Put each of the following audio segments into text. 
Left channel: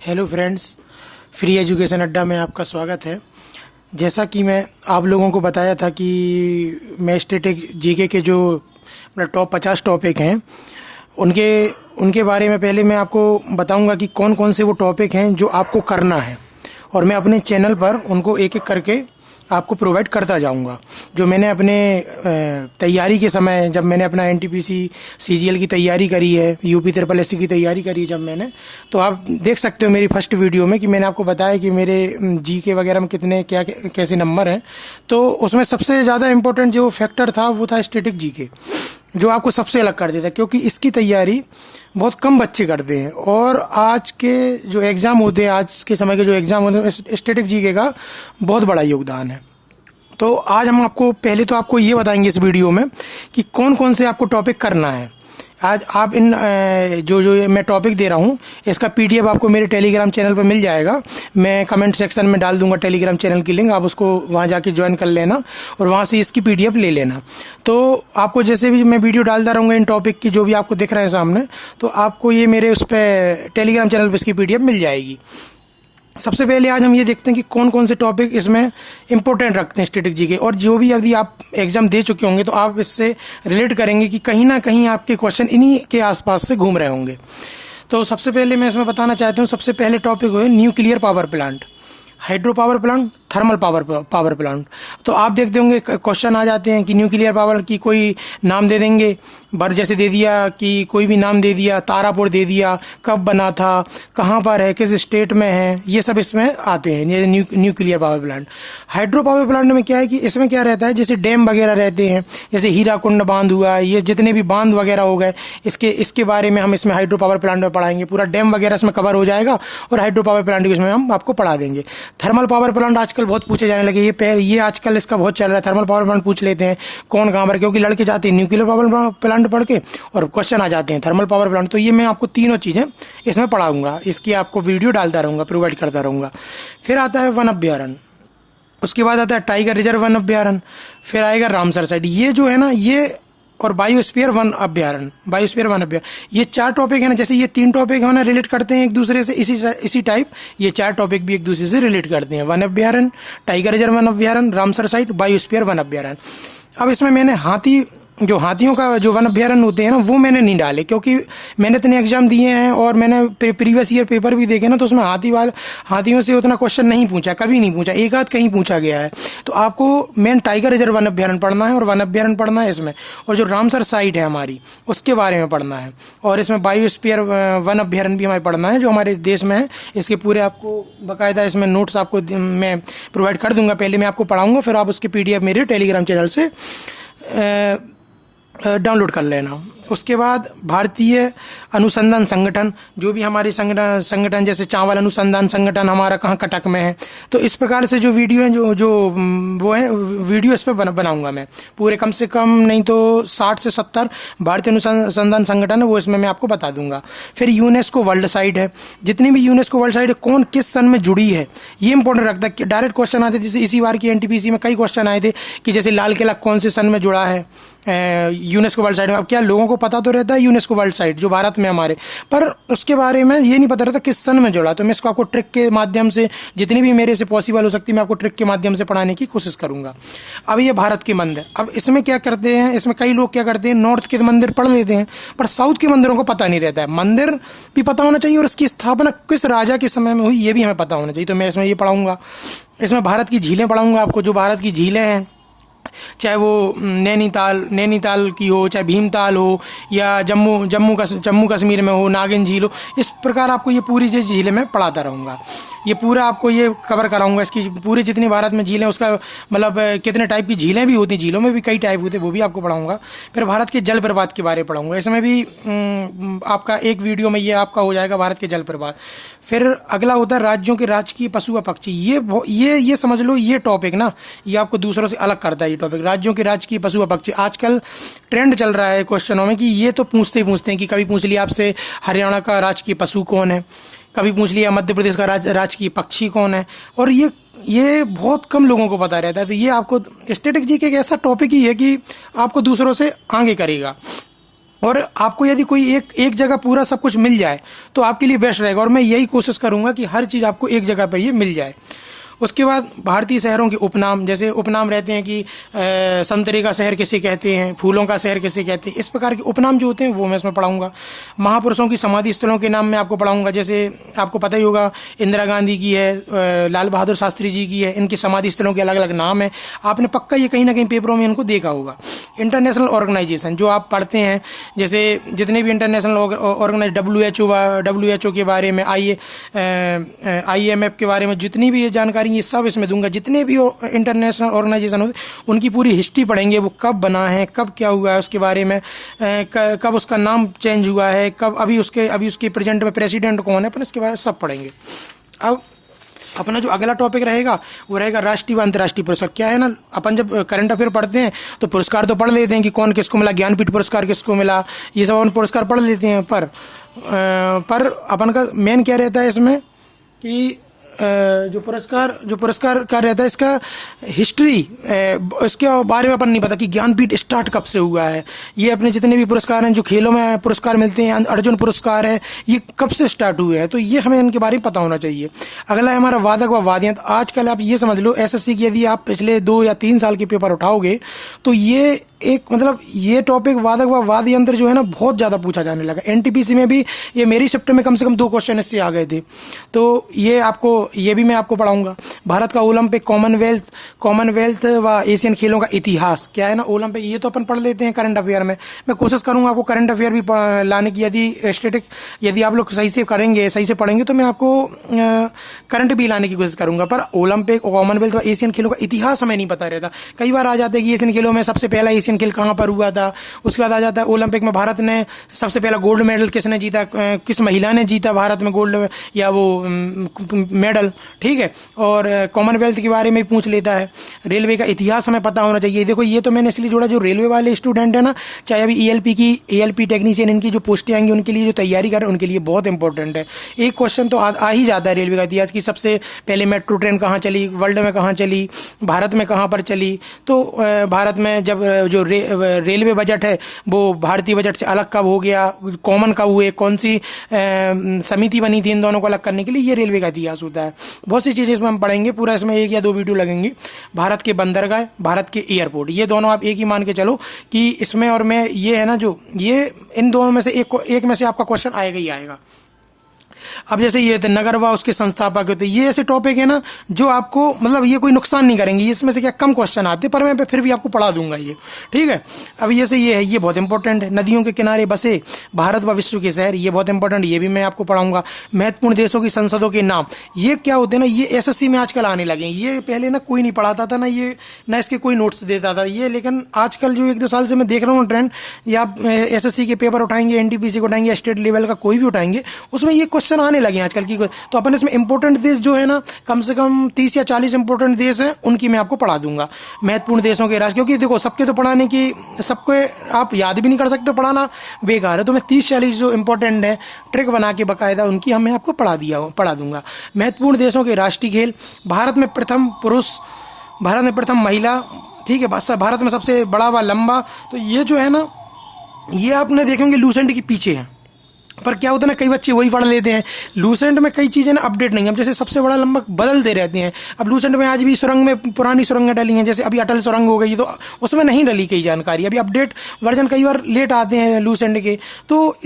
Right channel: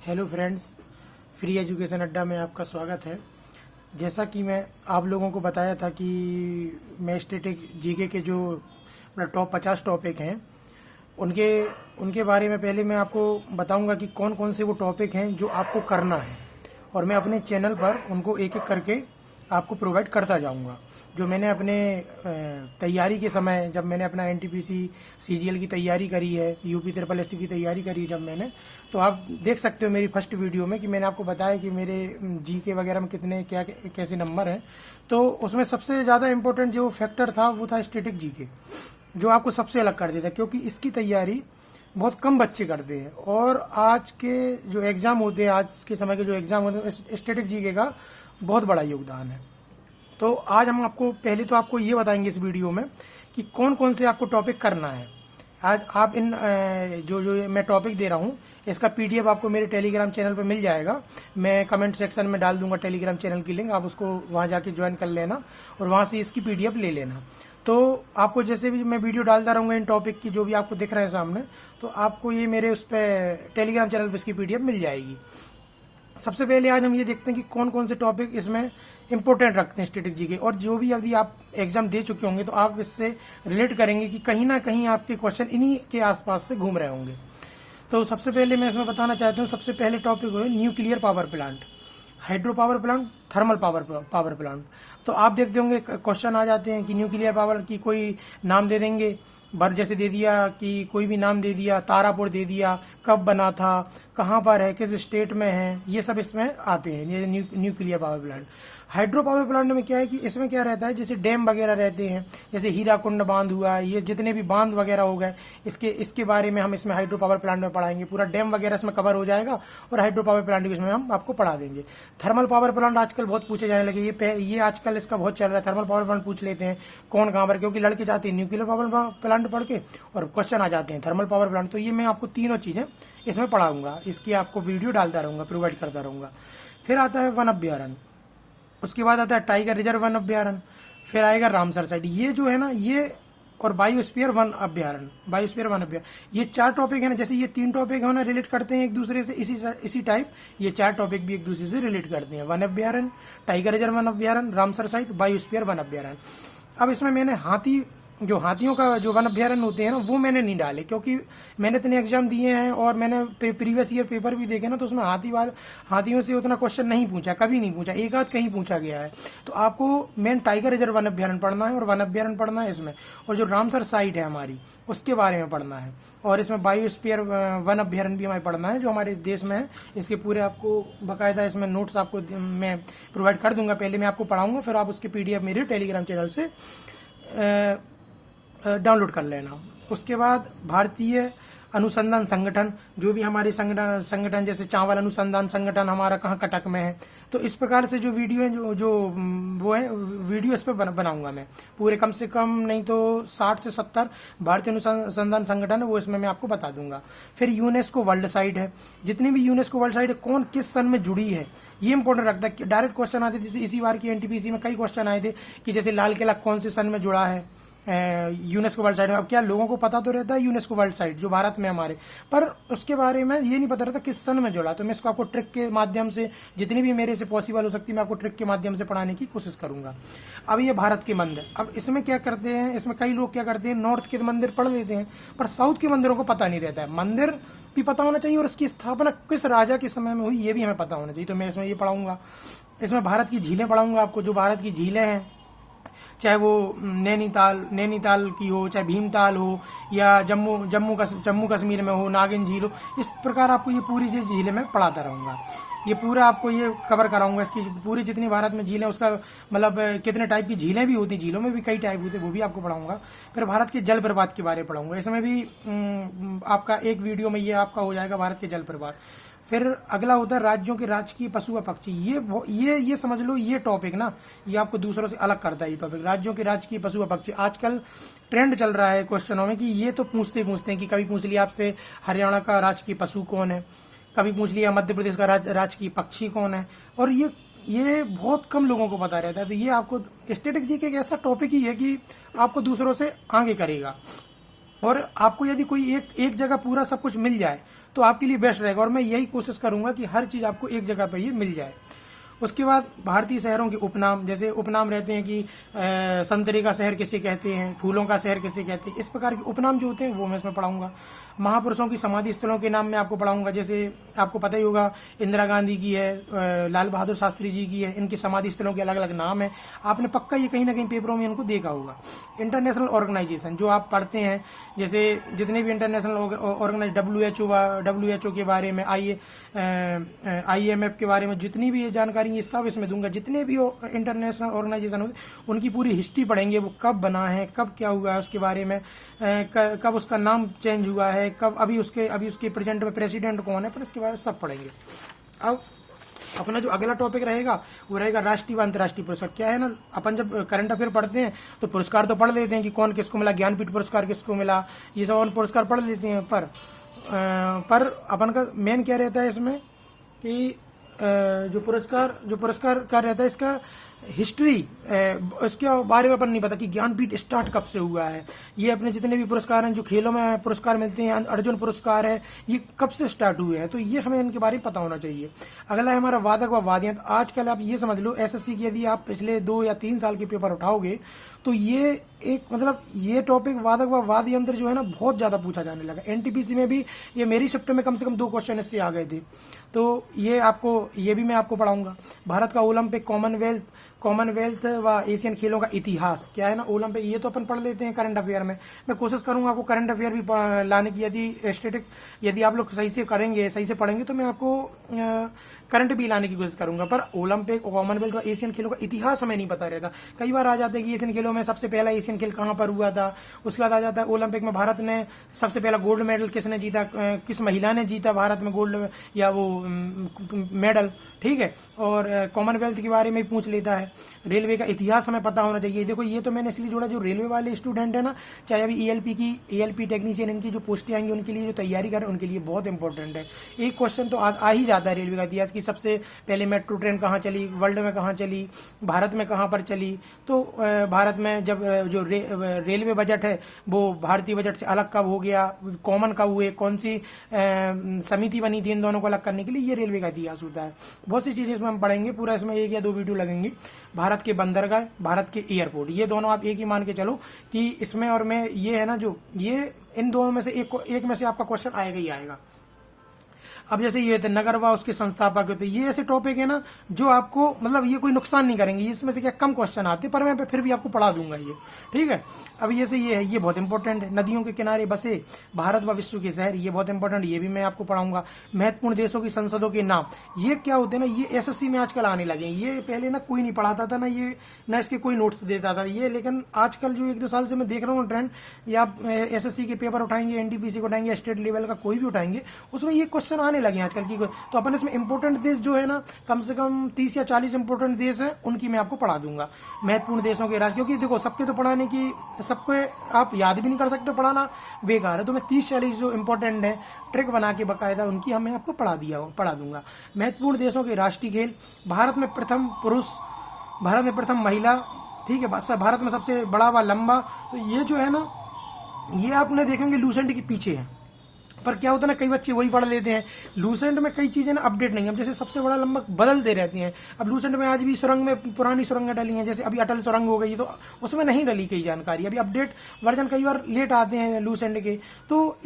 Hello friends, free education अड्डा में आपका स्वागत है। जैसा कि मैं आप लोगों को बताया था कि मैं स्टैटिक जीके के जो मतलब टॉप 50 टॉपिक हैं उनके उनके बारे में पहले मैं आपको बताऊंगा कि कौन कौन से वो टॉपिक हैं जो आपको करना है, और मैं अपने चैनल पर उनको एक एक करके आपको प्रोवाइड करता जाऊंगा। जो मैंने अपने तैयारी के समय, जब मैंने अपना एनटीपीसी सीजीएल की तैयारी करी है, यूपी ट्रिपल एससी की तैयारी करी है जब मैंने, तो आप देख सकते हो मेरी फर्स्ट वीडियो में कि मैंने आपको बताया कि मेरे जीके वगैरह में कितने क्या कैसे नंबर हैं। तो उसमें सबसे ज़्यादा इम्पोर्टेंट जो फैक्टर था वो था स्टैटिक जीके, जो आपको सबसे अलग कर देता है, क्योंकि इसकी तैयारी बहुत कम बच्चे करते हैं। और आज के जो एग्ज़ाम होते हैं, आज के समय के जो एग्ज़ाम होते हैं, स्टैटिक जीके का बहुत बड़ा योगदान है। तो आज हम आपको पहले तो आपको ये बताएंगे इस वीडियो में कि कौन कौन से आपको टॉपिक करना है। आज आप इन जो जो मैं टॉपिक दे रहा हूँ इसका पीडीएफ आपको मेरे टेलीग्राम चैनल पर मिल जाएगा। मैं कमेंट सेक्शन में डाल दूंगा टेलीग्राम चैनल की लिंक, आप उसको वहाँ जाके ज्वाइन कर लेना और वहाँ से इसकी पीडीएफ ले लेना। तो आपको जैसे भी मैं वीडियो डालता रहूँगा इन टॉपिक की, जो भी आपको दिख रहे हैं सामने, तो आपको ये मेरे उस पर टेलीग्राम चैनल पर इसकी पीडीएफ मिल जाएगी। सबसे पहले आज हम ये देखते हैं कि कौन कौन से टॉपिक इसमें इंपॉर्टेंट रखते हैं स्टैटिक जीके, और जो भी यदि आप एग्जाम दे चुके होंगे तो आप इससे रिलेट करेंगे कि कहीं ना कहीं आपके क्वेश्चन इन्हीं के आसपास से घूम रहे होंगे। तो सबसे पहले मैं इसमें बताना चाहता हूँ, सबसे पहले टॉपिक है nuclear power plant, hydro power plant, thermal power plant. तो आप देखते होंगे क्वेश्चन आ जाते हैं कि न्यूक्लियर पावर की कोई नाम दे देंगे, जैसे दे दिया कि कोई भी नाम दे दिया, तारापुर दे दिया, कब बना था, कहाँ पर है, किस स्टेट में है, ये सब इसमें आते हैं, ये nuclear power plant. Hydro power plant में क्या है कि इसमें क्या रहता है, जैसे डैम वगैरह रहते हैं, जैसे हीराकुंड बांध हुआ, ये जितने भी बांध वगैरह हो गए, इसके बारे में हम इसमें हाइड्रो पावर प्लांट में पढ़ाएंगे। पूरा डैम वगैरह इसमें कवर हो जाएगा और हाइड्रो पावर प्लांट भी इसमें हम आपको पढ़ा देंगे। थर्मल पावर प्लांट आजकल बहुत पूछे जाने लगे, ये आजकल इसका बहुत चल रहा है। थर्मल पावर प्लांट पूछ लेते हैं कौन कहाँ पर, क्योंकि लड़के जाते हैं न्यूक्लियर पावर प्लांट पढ़ के और क्वेश्चन आ जाते हैं थर्मल पावर प्लांट। तो ये मैं आपको तीनों चीज़ें इसमें पढ़ाऊंगा, इसकी आपको वीडियो डालता रहूँगा, प्रोवाइड करता रहूँगा। फिर आता है वन अभ्यारण्य, उसके बाद आता है टाइगर रिजर्व वन अभ्यारण्य, फिर आएगा रामसर साइट, ये जो है ना ये, और बायोस्फीयर वन अभ्यारण्य, बायोस्फीयर वन अभ्यारण्य। ये चार टॉपिक है ना, जैसे ये तीन टॉपिक है ना रिलेट करते हैं एक दूसरे से, इसी टाइप ये चार टॉपिक भी एक दूसरे से रिलेट करते हैं। वन अभ्यारण्य, टाइगर रिजर्व वन अभ्यारण्य, रामसर साइट, बायोस्फीयर वन अभ्यारण्य। अब इसमें मैंने हाथियों का जो वन अभ्यारण्य होते हैं ना वो मैंने नहीं डाले, क्योंकि मैंने इतने एग्जाम दिए हैं और मैंने प्रीवियस ईयर पेपर भी देखे ना, तो उसमें हाथियों से उतना क्वेश्चन नहीं पूछा, कभी नहीं पूछा, एक आध कहीं पूछा गया है। तो आपको मेन टाइगर रिजर्व वन अभ्यारण्य पढ़ना है और वन अभ्यारण्य पढ़ना है इसमें, और जो रामसर साइट है हमारी उसके बारे में पढ़ना है, और इसमें बायोस्फीयर वन अभ्यारण्य भी हमें पढ़ना है जो हमारे देश में है। इसके पूरे आपको बाकायदा इसमें नोट्स आपको मैं प्रोवाइड कर दूंगा। पहले मैं आपको पढ़ाऊंगा, फिर आप उसकी पीडीएफ मेरे टेलीग्राम चैनल से डाउनलोड कर लेना। उसके बाद भारतीय अनुसंधान संगठन, जो भी हमारे संगठन जैसे चावल अनुसंधान संगठन हमारा कहाँ कटक में है, तो इस प्रकार से जो वीडियो है जो वो है वीडियो इस पर बनाऊंगा मैं पूरे, कम से कम नहीं तो 60 से 70 भारतीय अनुसंधान संगठन है वो इसमें मैं आपको बता दूंगा। फिर यूनेस्को वर्ल्ड साइट है, जितनी भी यूनेस्को वर्ल्ड साइट है कौन किस सन में जुड़ी है ये इंपॉर्टेंट रखता है कि डायरेक्ट क्वेश्चन आते थे। जैसे इसी बार की एनटीपीसी में कई क्वेश्चन आए थे कि जैसे लाल किला कौन से सन में जुड़ा है यूनेस्को वर्ल्ड साइट में। अब क्या लोगों को पता तो रहता है यूनेस्को वर्ल्ड साइट जो भारत में हमारे, पर उसके बारे में ये नहीं पता रहता किस सन में जुड़ा। तो मैं इसको आपको ट्रिक के माध्यम से, जितनी भी मेरे से पॉसिबल हो सकती है, मैं आपको ट्रिक के माध्यम से पढ़ाने की कोशिश करूंगा। अब ये भारत के मंदिर, अब इसमें क्या करते हैं, इसमें कई लोग क्या करते हैं नॉर्थ के मंदिर पढ़ लेते हैं पर साउथ के मंदिरों को पता नहीं रहता है। मंदिर भी पता होना चाहिए और उसकी स्थापना किस राजा के समय में हुई ये भी हमें पता होना चाहिए। तो मैं इसमें ये पढ़ाऊंगा। इसमें भारत की झीलें पढ़ाऊंगा आपको, जो भारत की झीलें हैं, चाहे वो नैनीताल की हो, चाहे भीमताल हो, या जम्मू कश्मीर में हो, नागिन झील हो, इस प्रकार आपको ये पूरी जो झीलें मैं पढ़ाता रहूँगा। ये पूरा आपको ये कवर कराऊंगा, इसकी पूरी जितनी भारत में झीलें, उसका मतलब कितने टाइप की झीलें भी होती हैं, झीलों में भी कई टाइप होते हैं, वो भी आपको पढ़ाऊंगा। फिर भारत के जल प्रपात के बारे में पढ़ाऊंगा, इसमें भी आपका एक वीडियो में ये आपका हो जाएगा भारत के जल प्रपात। फिर अगला होता है राज्यों के राजकीय पशु व पक्षी। ये समझ लो, ये टॉपिक ना ये आपको दूसरों से अलग करता है। ये टॉपिक राज्यों के राजकीय पशु व पक्षी, आजकल ट्रेंड चल रहा है क्वेश्चनों में कि ये तो पूछते हैं कि कभी पूछ लिया आपसे हरियाणा का राजकीय पशु कौन है, कभी पूछ लिया मध्य प्रदेश का राजकीय पक्षी कौन है, और ये बहुत कम लोगों को पता रहता है। तो ये आपको स्टैटिक जी के एक ऐसा टॉपिक ही है कि आपको दूसरों से आगे करेगा। और आपको यदि कोई एक एक जगह पूरा सब कुछ मिल जाए तो आपके लिए बेस्ट रहेगा, और मैं यही कोशिश करूंगा कि हर चीज़ आपको एक जगह पर ये मिल जाए। उसके बाद भारतीय शहरों के उपनाम, जैसे उपनाम रहते हैं कि संतरे का शहर किसे कहते हैं, फूलों का शहर किसे कहते हैं, इस प्रकार के उपनाम जो होते हैं वो मैं इसमें पढ़ाऊंगा। महापुरुषों की समाधि स्थलों के नाम मैं आपको पढ़ाऊंगा, जैसे आपको पता ही होगा इंदिरा गांधी की है, लाल बहादुर शास्त्री जी की है, इनकी समाधि स्थलों के अलग अलग नाम है। आपने पक्का ये कहीं ना कहीं पेपरों में इनको देखा होगा। इंटरनेशनल ऑर्गेनाइजेशन जो आप पढ़ते हैं, जैसे जितने भी इंटरनेशनल ऑर्गेनाइज WHO के बारे में, IMF के बारे में जितनी भी ये जानकारी ये सब इसमें दूंगा। जितने भी इंटरनेशनल ऑर्गेनाइजेशन होते उनकी पूरी हिस्ट्री पढ़ेंगे, वो कब बना है, कब क्या हुआ है उसके बारे में, कब उसका नाम चेंज हुआ है, कब अभी उसके प्रेजेंट में प्रेसिडेंट कौन है, अपन इसके बारे में सब पढ़ेंगे। अब अपना जो अगला टॉपिक रहेगा वो रहेगा राष्ट्रीय व अंतर्राष्ट्रीय पुरस्कार। क्या है ना, अपन जब करंट अफेयर पढ़ते हैं तो पुरस्कार तो पढ़ लेते हैं कि कौन किसको मिला, ज्ञानपीठ पुरस्कार किसको मिला, ये सब अपन पुरस्कार पढ़ लेते हैं। पर अपन का मेन क्या रहता है इसमें कि जो पुरस्कार का रहता है, इसका हिस्ट्री, इसके बारे में अपन नहीं पता कि ज्ञानपीठ स्टार्ट कब से हुआ है। ये अपने जितने भी पुरस्कार हैं, जो खेलों में पुरस्कार मिलते हैं, अर्जुन पुरस्कार है, ये कब से स्टार्ट हुए हैं, तो ये हमें इनके बारे में पता होना चाहिए। अगला है हमारा वादक व वाद्ययंत्र। आजकल आप ये समझ लो SSC की यदि आप पिछले 2 या 3 साल के पेपर उठाओगे तो ये एक मतलब ये टॉपिक वादक व वाद्य यंत्र जो है ना बहुत ज़्यादा पूछा जाने लगा। NTPC में भी ये मेरी शिफ्ट में कम से कम 2 क्वेश्चन इससे आ गए थे, तो ये भी मैं आपको पढ़ाऊंगा। भारत का ओलंपिक, कॉमनवेल्थ व एशियन खेलों का इतिहास। क्या है ना, ओलंपिक ये तो अपन पढ़ लेते हैं करंट अफेयर में, मैं कोशिश करूंगा आपको करंट अफेयर भी लाने की। यदि आप लोग सही से करेंगे, सही से पढ़ेंगे तो मैं आपको करंट भी लाने की कोशिश करूंगा। पर ओलंपिक, कॉमनवेल्थ व एशियन खेलों का इतिहास हमें नहीं पता रहता। कई बार आ जाता है कि एशियन खेलों में सबसे पहला एशियन खेल कहाँ पर हुआ था, उसके बाद आ जाता है ओलंपिक में भारत ने सबसे पहला गोल्ड मेडल किसने जीता, किस महिला ने जीता भारत में गोल्ड या वो मेडल, ठीक है। और कॉमनवेल्थ के बारे में पूछ लेता है। रेलवे का इतिहास हमें पता होना चाहिए। देखो ये तो मैंने इसलिए जोड़ा, जो रेलवे वाले स्टूडेंट है ना, चाहे अभी ELP टेक्नीशियन इनकी जो पोस्टें आएंगी उनके लिए जो तैयारी कर रहे हैं उनके लिए बहुत इंपॉर्टेंट है। एक क्वेश्चन तो आ ही जाता है रेलवे का इतिहास की, सबसे पहले मेट्रो ट्रेन कहाँ चली, वर्ल्ड में कहाँ चली, भारत में कहाँ पर चली। तो भारत में जब जो रेलवे बजट है वो भारतीय बजट से अलग कब हो गया, कॉमन कब हुए, कौन सी समिति बनी थी इन दोनों को अलग करने के लिए, ये रेलवे का इतिहास होता है। बहुत सी चीज़ें इसमें हम पढ़ेंगे, पूरा इसमें 1 या 2 वीडियो लगेंगी। भारत के बंदरगाह, भारत के एयरपोर्ट, ये दोनों आप एक ही मान के चलो कि इसमें और मैं ये है ना, जो ये इन दोनों में से एक में से आपका क्वेश्चन आएगा ही आएगा। अब जैसे ये थे नगर व उसके संस्थापक होते, ये ऐसे टॉपिक है ना जो आपको मतलब ये कोई नुकसान नहीं करेंगे, इसमें से क्या कम क्वेश्चन आते, पर मैं फिर भी आपको पढ़ा दूंगा ये, ठीक है। अब जैसे ये है, ये बहुत इंपॉर्टेंट है। नदियों के किनारे बसे भारत व विश्व के शहर, ये बहुत इंपॉर्टेंट, ये भी मैं आपको पढ़ाऊंगा। महत्वपूर्ण देशों की संसदों के नाम, ये क्या होते हैं ना, ये SSC में आजकल आने लगे। ये पहले ना कोई नहीं पढ़ाता था ना इसके कोई नोट्स देता था ये, लेकिन आजकल जो 1-2 साल से मैं देख रहा हूँ ट्रेंड, या आप SSC के पेपर उठाएंगे, NTPC को उठाएंगे, स्टेट लेवल का कोई भी उठाएंगे, उसमें ये क्वेश्चन आने लगे आजकल की। तो अपन इसमें इंपॉर्टेंट देश जो है ना, कम से कम 30 या 40 इंपॉर्टेंट देश हैं, उनकी मैं आपको पढ़ा दूंगा। महत्वपूर्ण देशों के राष्ट्र, क्योंकि देखो सबके तो पढ़ाने की, सबको आप याद भी नहीं कर सकते, पढ़ाना बेकार है, तो मैं 30-40 जो इंपॉर्टेंट है ट्रिक बना के बकायदा उनकी मैं आपको पढ़ा दूंगा। महत्वपूर्ण देशों के राष्ट्रीय खेल, भारत में प्रथम पुरुष, भारत में प्रथम महिला, ठीक है, भारत में सबसे बड़ा व लंबा, तो ये जो है ना, ये आपने देखेंगे लूसेंट के पीछे है। पर क्या होता है ना, कई बच्चे वही पढ़ लेते हैं। लूसेंट में कई चीज़ें ना अपडेट नहीं है, अब जैसे सबसे बड़ा लंबा बदलते रहते हैं। अब लूसेंट में आज भी सुरंग में पुरानी सुरंगें डली हैं, जैसे अभी अटल सुरंग हो गई, तो उसमें नहीं डली कई जानकारी, अभी अपडेट वर्जन कई बार लेट आते हैं लूसेंट के। तो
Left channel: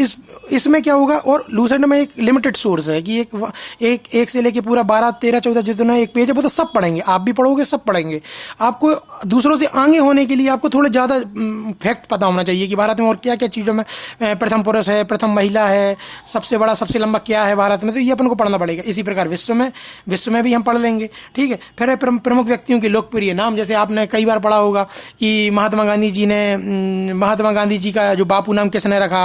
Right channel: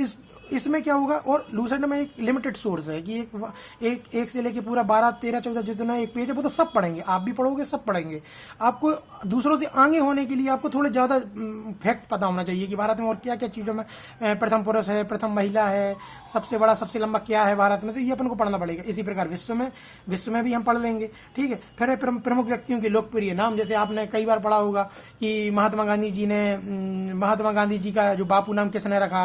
इसमें क्या होगा, और लूसेंट में एक लिमिटेड सोर्स है कि एक से लेके पूरा 12, 13, 14 जितना एक पेज है वो तो सब पढ़ेंगे, आप भी पढ़ोगे, सब पढ़ेंगे। आपको दूसरों से आगे होने के लिए आपको थोड़े ज़्यादा फैक्ट पता होना चाहिए कि भारत में और क्या क्या चीज़ों में प्रथम पुरुष है, प्रथम महिला है, सबसे बड़ा सबसे लंबा क्या है भारत में, तो ये अपन को पढ़ना पड़ेगा। इसी प्रकार विश्व में भी हम पढ़ लेंगे, ठीक है। फिर है प्रमुख व्यक्तियों के लोकप्रिय नाम, जैसे आपने कई बार पढ़ा होगा कि महात्मा गांधी जी का जो बापू नाम किसने रखा,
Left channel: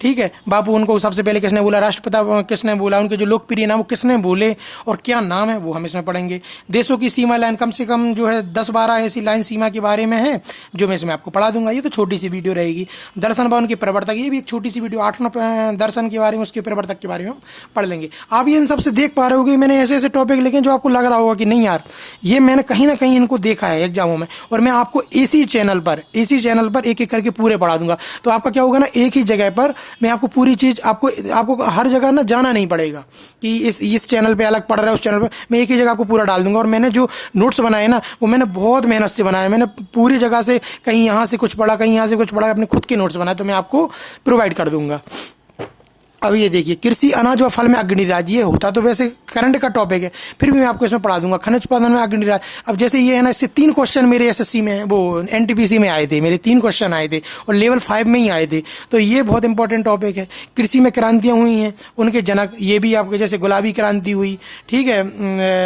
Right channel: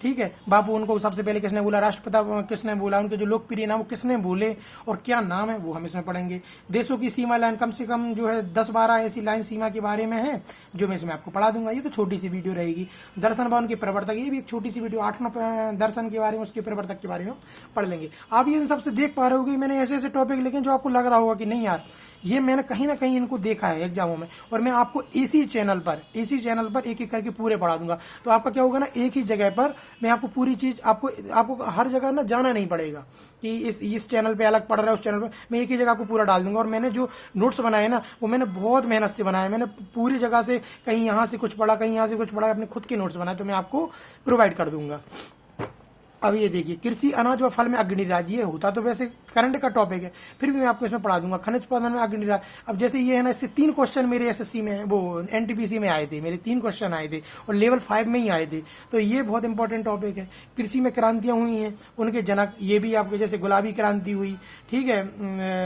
ठीक है, बापू उनको सबसे पहले किसने बोला, राष्ट्रपिता किसने बोला, उनके जो लोकप्रिय नाम वो किसने बोले और क्या नाम है, वो हम इसमें पढ़ेंगे। देशों की सीमा लाइन, कम से कम जो है 10-12 ऐसी लाइन सीमा के बारे में है जो मैं इसमें आपको पढ़ा दूंगा। ये तो छोटी सी वीडियो रहेगी। दर्शन भवन के प्रवर्तक, ये भी एक छोटी सी वीडियो, 8-9 दर्शन प्रश्न के बारे में, उसके प्रवर्तक के बारे में पढ़ लेंगे। आप ये इन सबसे देख पा रहे हो कि मैंने ऐसे ऐसे टॉपिक लिखे जो आपको लग रहा होगा कि नहीं यार ये मैंने कहीं ना कहीं इनको देखा है एग्जामों में, और मैं आपको इसी चैनल पर एक एक करके पूरे पढ़ा दूंगा। तो आपका क्या होगा ना, एक ही जगह पर मैं आपको पूरी चीज़, आपको हर जगह ना जाना नहीं पड़ेगा कि इस चैनल पर अलग पढ़ रहा है, उस चैनल पर, मैं एक ही जगह आपको पूरा डाल दूंगा। और मैंने जो नोट्स बनाए ना वो मैंने बहुत मेहनत से बनाए, मैंने पूरी जगह से कहीं यहाँ से कुछ पढ़ा, कहीं यहाँ से कुछ पढ़ा, अपने खुद के नोट्स बनाए, तो मैं आपको प्रोवाइड कर दूंगा। अब ये देखिए, कृषि अनाज व फल में अग्रणी राज्य, ये होता तो वैसे करंट का टॉपिक है, फिर भी मैं आपको इसमें पढ़ा दूंगा। खनिज उत्पादन में अग्रणी राज्य, अब जैसे ये है ना, इससे 3 क्वेश्चन मेरे एसएससी में, वो एनटीपीसी में आए थे, मेरे 3 क्वेश्चन आए थे और लेवल 5 में ही आए थे। तो ये बहुत इंपॉर्टेंट टॉपिक है। कृषि में क्रांतियाँ हुई हैं, उनके जनक, ये भी आपके जैसे गुलाबी क्रांति हुई, ठीक है,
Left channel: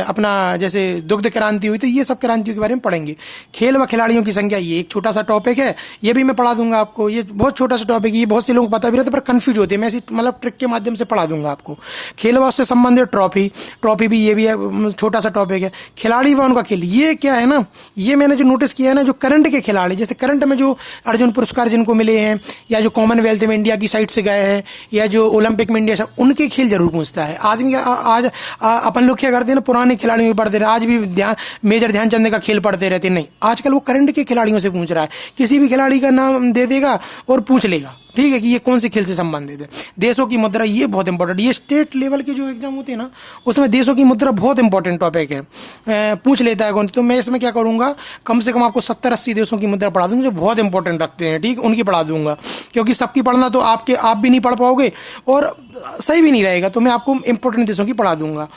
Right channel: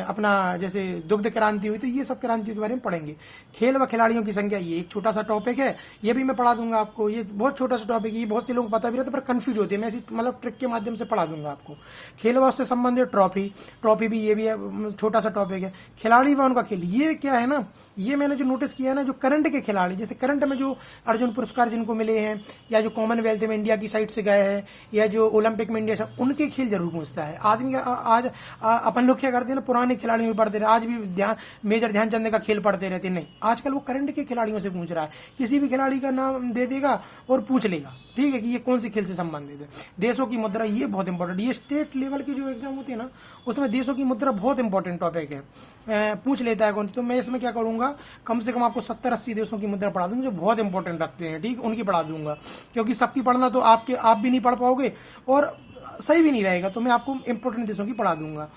अपना जैसे दुग्ध क्रांति हुई, तो ये सब क्रांतियों के बारे में पढ़ेंगे। खेल व खिलाड़ियों की संख्या, ये एक छोटा सा टॉपिक है, ये भी मैं पढ़ा दूंगा आपको। ये बहुत छोटा सा टॉपिक है, ये बहुत से लोगों को पता भी रहता है पर कंफ्यूज होते हैं, मैं ऐसी मतलब ट्रिक के माध्यम से पढ़ा दूंगा आपको। खेल व उससे संबंधित ट्रॉफी भी, ये भी है, छोटा सा टॉपिक है। खिलाड़ी व उनका खेल, ये क्या है ना, ये मैंने जो नोटिस किया है ना, जो करंट के खिलाड़ी, जैसे करंट में जो अर्जुन पुरस्कार जिनको मिले हैं, या जो कॉमनवेल्थ में इंडिया की साइड से गए हैं, या जो ओलंपिक में इंडिया से, उनके खेल जरूर पूछता है आदमी। आज अपन लोग क्या करते हैं ना, पुराने खिलाड़ियों में पढ़ते रहे, आज भी मेजर ध्यानचंद का खेल पढ़ते रहते, नहीं, आजकल वो करंट के खिलाड़ियों से पूछ रहा है। किसी भी खिलाड़ी का नाम दे देगा और पूछ लेगा, ठीक है, कि ये कौन से खेल से संबंधित है। देशों की मुद्रा, ये बहुत इंपॉर्टेंट, ये स्टेट लेवल के जो एग्जाम होते हैं ना, उसमें देशों की मुद्रा बहुत इंपॉर्टेंट टॉपिक है, पूछ लेता है कौन। तो मैं इसमें क्या करूंगा, कम से कम आपको 70-80 देशों की मुद्रा पढ़ा दूंगा जो बहुत इंपॉर्टेंट रखते हैं, ठीक, उनकी पढ़ा दूंगा, क्योंकि सबकी पढ़ना तो आप भी नहीं पढ़ पाओगे और सही भी नहीं रहेगा, तो मैं आपको इंपॉर्टेंट देशों की पढ़ा दूंगा।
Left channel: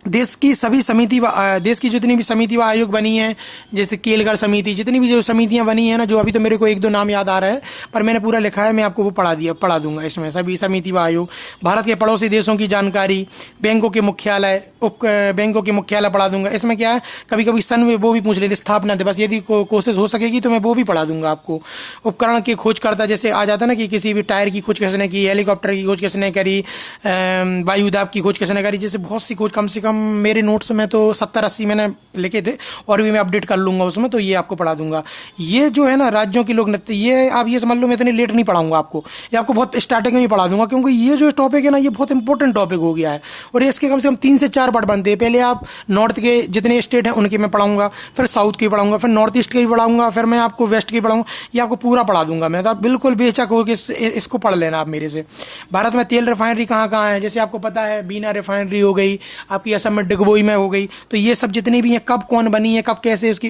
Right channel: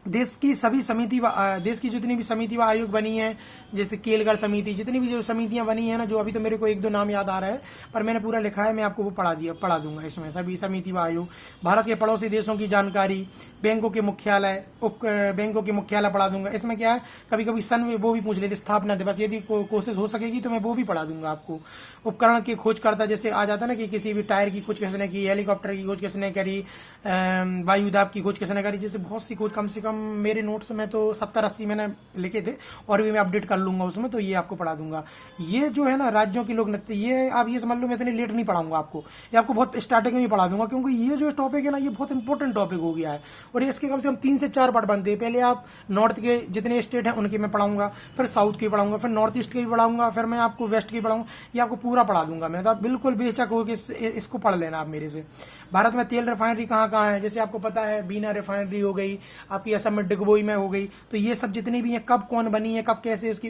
देश की सभी समिति व देश की जितनी भी समिति व आयोग बनी है, जैसे केलगर समिति, जितनी भी जो समितियां बनी है ना, जो अभी तो मेरे को 1-2 नाम याद आ रहा है पर मैंने पूरा लिखा है, मैं आपको वो पढ़ा दूंगा इसमें, सभी समिति व आयोग। भारत के पड़ोसी देशों की जानकारी, बैंकों के मुख्यालय, बैंकों के मुख्यालय पढ़ा दूंगा। इसमें क्या है, कभी कभी सन में वो भी पूछ लेते, स्थापना दिवस, यदि कोशिश हो सकेगी तो मैं वो भी पढ़ा दूंगा आपको। उपकरण की खोज करता, जैसे आ जाता ना कि किसी भी टायर की खोज किसने की, हेलीकॉप्टर की खोज किसने करी, वायुदाब की खोज किसने करी, जैसे बहुत सी खोज, कम से कम मेरे नोट्स में तो 70-80 मैंने लिखे थे और भी मैं अपडेट कर लूँगा उसमें, तो ये आपको पढ़ा दूंगा। ये जो है ना राज्यों की लोक नृत्य, ये आप ये समझ लो मैं इतनी लेट नहीं पढ़ाऊंगा आपको, ये आपको बहुत स्टार्टिंग में ही पढ़ा दूंगा, क्योंकि ये जो टॉपिक है ना, ये बहुत इंपॉर्टेंट टॉपिक हो गया है और इसके कम से कम 3 से 4 पार्ट बनते हैं। पहले आप नॉर्थ के जितने स्टेट हैं उनके मैं पढ़ाऊंगा, फिर साउथ के पढ़ाऊंगा, फिर नॉर्थ ईस्ट के भी पढ़ाऊंगा, फिर मैं आपको वेस्ट के पढ़ाऊंगा, ये आपको पूरा पढ़ा दूंगा मैं। तो आप बिल्कुल बेचक हो कि इसको पढ़ लेना आप मेरे से। भारत में तेल रिफाइनरी कहाँ कहाँ है, जैसे आपको पता है बीना रिफाइनरी हो गई, आपकी असम में डिगबोई में हो गई, तो ये सब जितनी भी हैं, कब कौन बनी है, कब कैसे, उसकी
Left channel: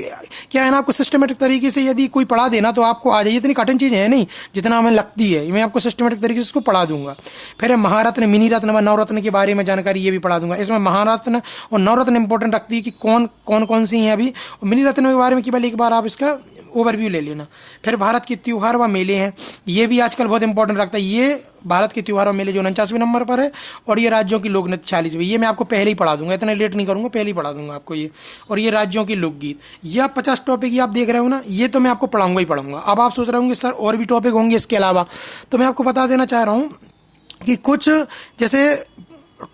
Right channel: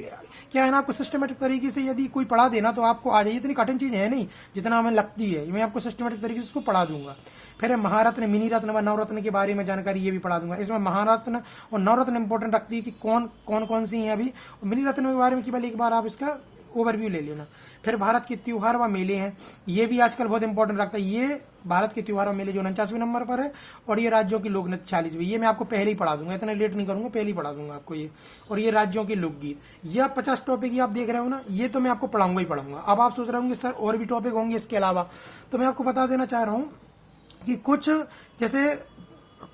क्या है ना, आपको सिस्टमेटिक तरीके से यदि कोई पढ़ा देना तो आपको आ जाए। इतनी कठिन चीज़ है नहीं जितना हमें लगती है, मैं आपको सिस्टमेटिक तरीके से इसको पढ़ा दूंगा। फिर महारत्न, मिनी रत्न व नवरत्न के बारे में जानकारी ये भी पढ़ा दूंगा। इसमें महारत्न और नवरत्न इंपॉर्टेंट रखती है कि कौन सी हैं अभी, मिनी रत्न के बारे में केवल एक बार आप इसका ओवरव्यू ले लेना। फिर भारत के त्योहार व मेले हैं, ये भी आजकल बहुत इंपॉर्टेंट रखता है। ये भारत के त्योहार और मेले जो 49वें नंबर पर है, और ये राज्यों की लोक नृत्य 46वें, ये मैं आपको पहले ही पढ़ा दूंगा, इतना लेट नहीं करूंगा, पहले ही पढ़ा दूंगा आपको ये। और ये राज्यों के लोकगीत, ये 50 टॉपिक ये आप देख रहे हो ना, ये तो मैं आपको पढ़ाऊंगा ही पढ़ाऊंगा। अब आप सोच रहे होंगे सर और भी टॉपिक होंगे इसके अलावा, तो मैं आपको बता देना चाह रहा हूँ कि कुछ जैसे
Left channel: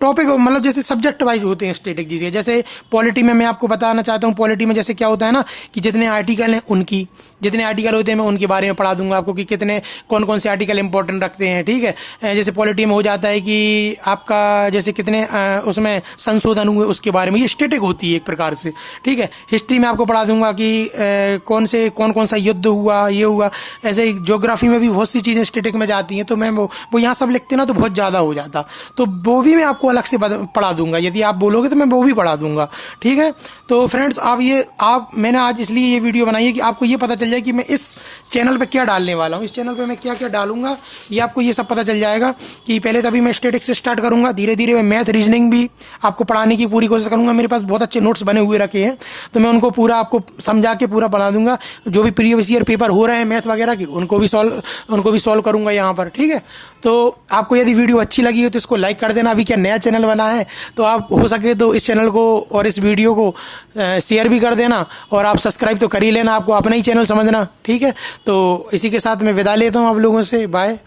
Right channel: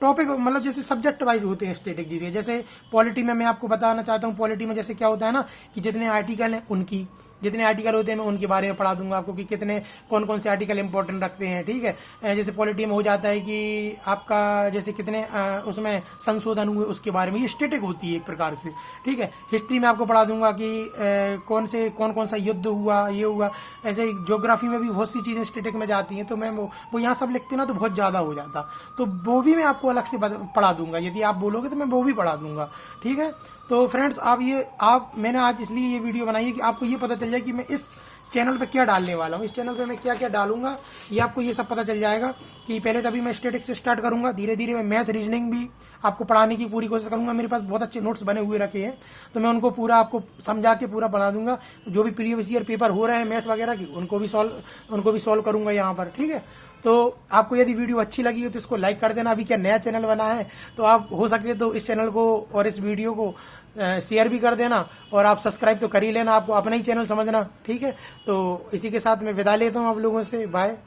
टॉपिक मतलब जैसे सब्जेक्ट वाइज होते हैं स्टैटिक जी के। जैसे पॉलिटी में मैं आपको बताना चाहता हूँ, पॉलिटी में जैसे क्या होता है ना कि जितने आर्टिकल हैं उनकी, जितने आर्टिकल होते हैं मैं उनके बारे में पढ़ा दूंगा आपको कि कितने कौन से आर्टिकल इंपॉर्टेंट रखते हैं, ठीक है। जैसे पॉलिटी में हो जाता है कि आपका जैसे कितने उसमें संशोधन हुए उसके बारे में, ये स्टैटिक होती है एक प्रकार से, ठीक है। हिस्ट्री में आपको पढ़ा दूंगा कि कौन सा युद्ध हुआ, ये हुआ। ऐसे ज्योग्राफी में भी बहुत सी चीज़ें स्टैटिक में जाती हैं, तो मैं वो यहाँ सब लिखते ना तो बहुत ज़्यादा हो जाता, तो वो भी मैं आपको अलग से पढ़ा दूंगा। यदि आप बोलोगे तो मैं वो भी पढ़ा दूंगा, ठीक है। तो फ्रेंड्स मैंने आज इसलिए ये वीडियो बनाई है कि आपको ये पता चल जाए कि मैं इस चैनल पे क्या डालने वाला हूँ, इस चैनल पे मैं क्या क्या डालूंगा, ये आपको ये सब पता चल जाएगा कि पहले तो अभी मैं स्टैटिक्स से स्टार्ट करूंगा, धीरे धीरे मैं मैथ रीजनिंग भी आपको पढ़ाने की पूरी कोशिश करूंगा। मेरे पास बहुत अच्छे नोट्स बने हुए रखे हैं, तो मैं उनको पूरा आपको समझा के पूरा पढ़ा दूंगा। जो भी प्रीवियस ईयर पेपर हो रहे हैं मैथ वगैरह के, उनको भी सॉल्व करूंगा यहाँ पर, ठीक है। तो आपको यदि वीडियो अच्छी लगी हो तो इसको लाइक कर देना। अभी क्या नया चैनल बना है, तो आप हो सके तो इस चैनल को और इस वीडियो को शेयर भी कर देना, और आप सब्सक्राइब तो कर ही लेना, आपको अपना ही चैनल समझना, ठीक है। तो इसी के साथ मैं विदा लेता हूँ आप लोगों से, बाय।